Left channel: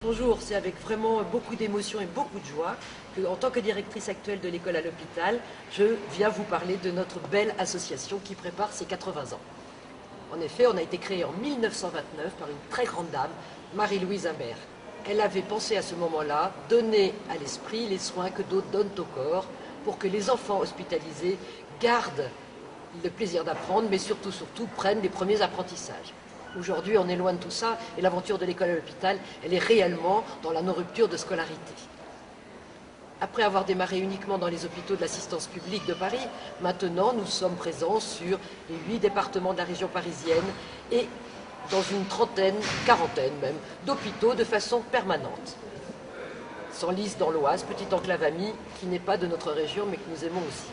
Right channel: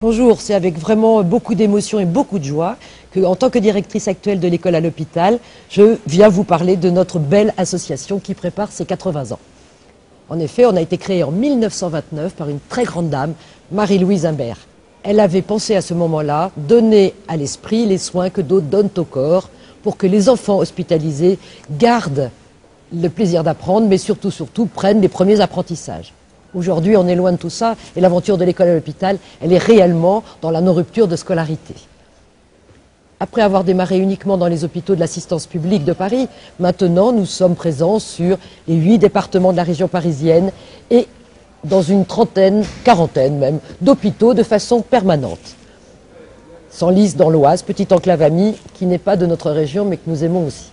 Bonjour, c'est avec vraiment beaucoup d'émotion et beaucoup de joie que, en tant que directrice actuelle de l'école à l'hôpital, je viens vous parler de notre belle association qui prépare ses 80 ans. En effet, on a été créé en 1929 par une très grande dame, Marie-Louise Imbert. Elle avait pensé à ce moment-là donner à l'esprit les soins que d'autres donnent au corps pour que les enfants hospitalisés gardent le plaisir d'apprendre, mais surtout prennent les premiers apprentissages. Aujourd'hui, on est loin de tout ça et l'aventure de l'école à l'hôpital, elle est réellement dans la non-rupture de scolarité. Après avoir démarré uniquement dans les hôpitaux de l'assistance publique de Paris, maintenant nous sommes présents sur les 8 départements de la région parisienne et dans une trentaine, quarantaine même, d'hôpitaux de façon permanente. Senlis dans l'Oise, petite enclave amie qui n'est pas de notre région mais que nous aimons aussi.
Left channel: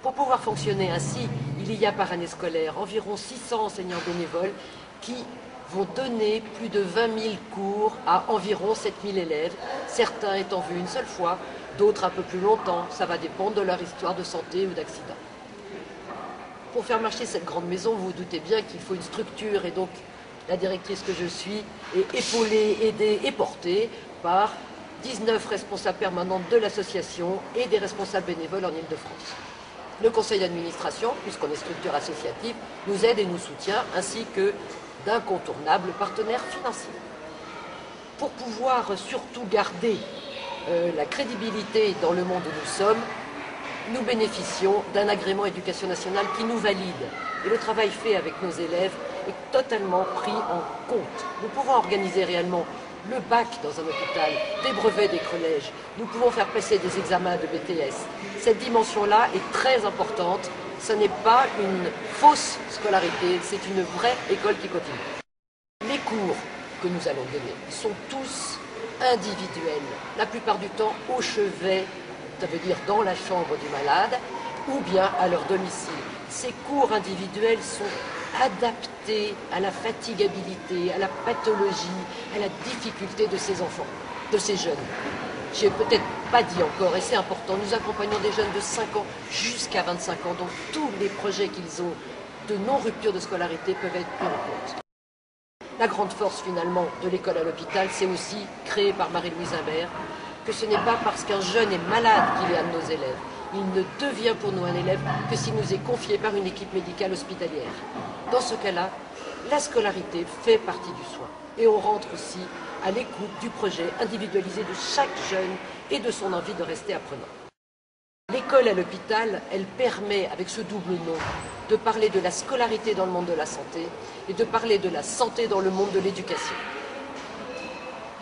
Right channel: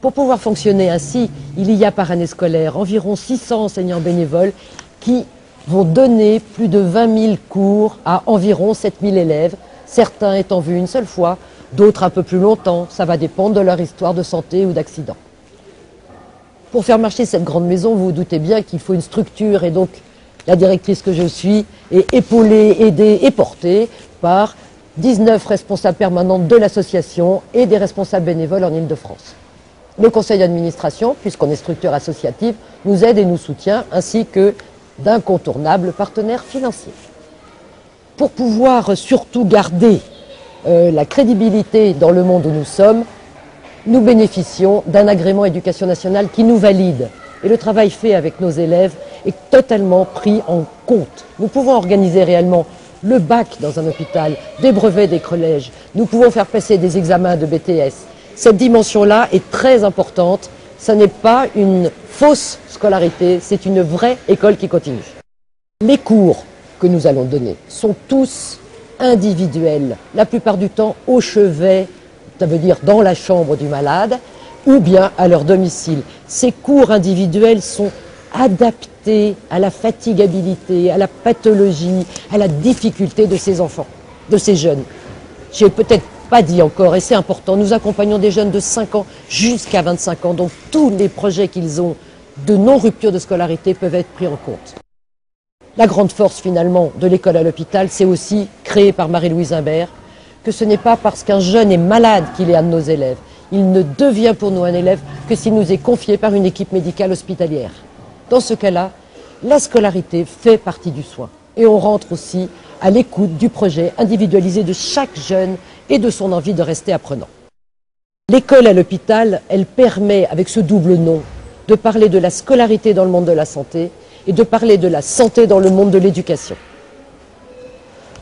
Pour pouvoir fonctionner ainsi, il y a par année scolaire environ 600 enseignants bénévoles qui vont donner plus de 20 000 cours à environ 7 000 élèves, certains étant vus une seule fois, d'autres un peu plus longtemps. Ça va dépendre de leur histoire de santé ou d'accident. Pour faire marcher cette grande maison, vous vous doutez bien qu'il faut une structure et donc la directrice que je suis est épaulée, aidée et portée par 19 responsables permanents de l'association et des responsables bénévoles en Île-de-France. Le conseil d'administration, puisqu'on est structure associative, nous aide et nous soutient, ainsi que d'incontournables partenaires financiers. Pour pouvoir surtout garder la crédibilité dans le monde où nous sommes, nous bénéficions d'un agrément éducation nationale qui nous valide. Et le travail fait avec nos élèves est totalement pris en compte. Nous pouvons organiser réellement le bac dans un hôpital, des brevets des collèges, nous pouvons faire passer des examens de BTS. Cette dimension-là est très importante. Ce n'est pas une fausse scolarité, c'est une vraie école qui continue. Les cours que nous allons donner sont tous individuels, la plupart du temps au chevet, ça veut dire dans la chambre du malade, ou bien à leur domicile. Ces cours individuels sont adaptés à la fatigabilité, à la pathologie, à la difficulté de ces enfants, de ces jeunes. J'ai peut-être pas dit encore, et c'est important, nous accompagnons des jeunes de 5 ans jusqu'à 25 ans, donc tous les projets qu'ils ont de non-rupture de scolarité peuvent être pris en compte. La grande force finalement de l'école à l'hôpital, c'est aussi, créée par Marie-Louise Imbert, que ce n'est pas parce qu'un jeune est malade qu'il est un de nos élèves. Il ne devient pour nous un élève que s'il nous est confié par une équipe médicale hospitalière. Dans ce cas-là, la scolarité fait partie du soin. Et on rentre aussi à l'écoute du projet individualisé de chaque jeune et de son envie de rester apprenant. L'école à l'hôpital, elle permet, avec ce double nom, de parler de la scolarité dans le monde de la santé et de parler de la santé dans le monde de l'éducation.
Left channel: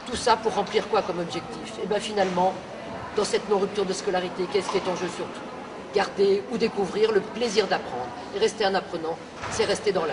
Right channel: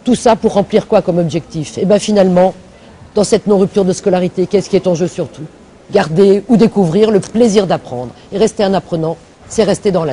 Tout ça pour remplir quoi comme objectif? Et bien finalement, dans cette non-rupture de scolarité, qu'est-ce qui est en jeu surtout? Garder ou découvrir le plaisir d'apprendre. Et rester un apprenant, c'est rester dans la vie.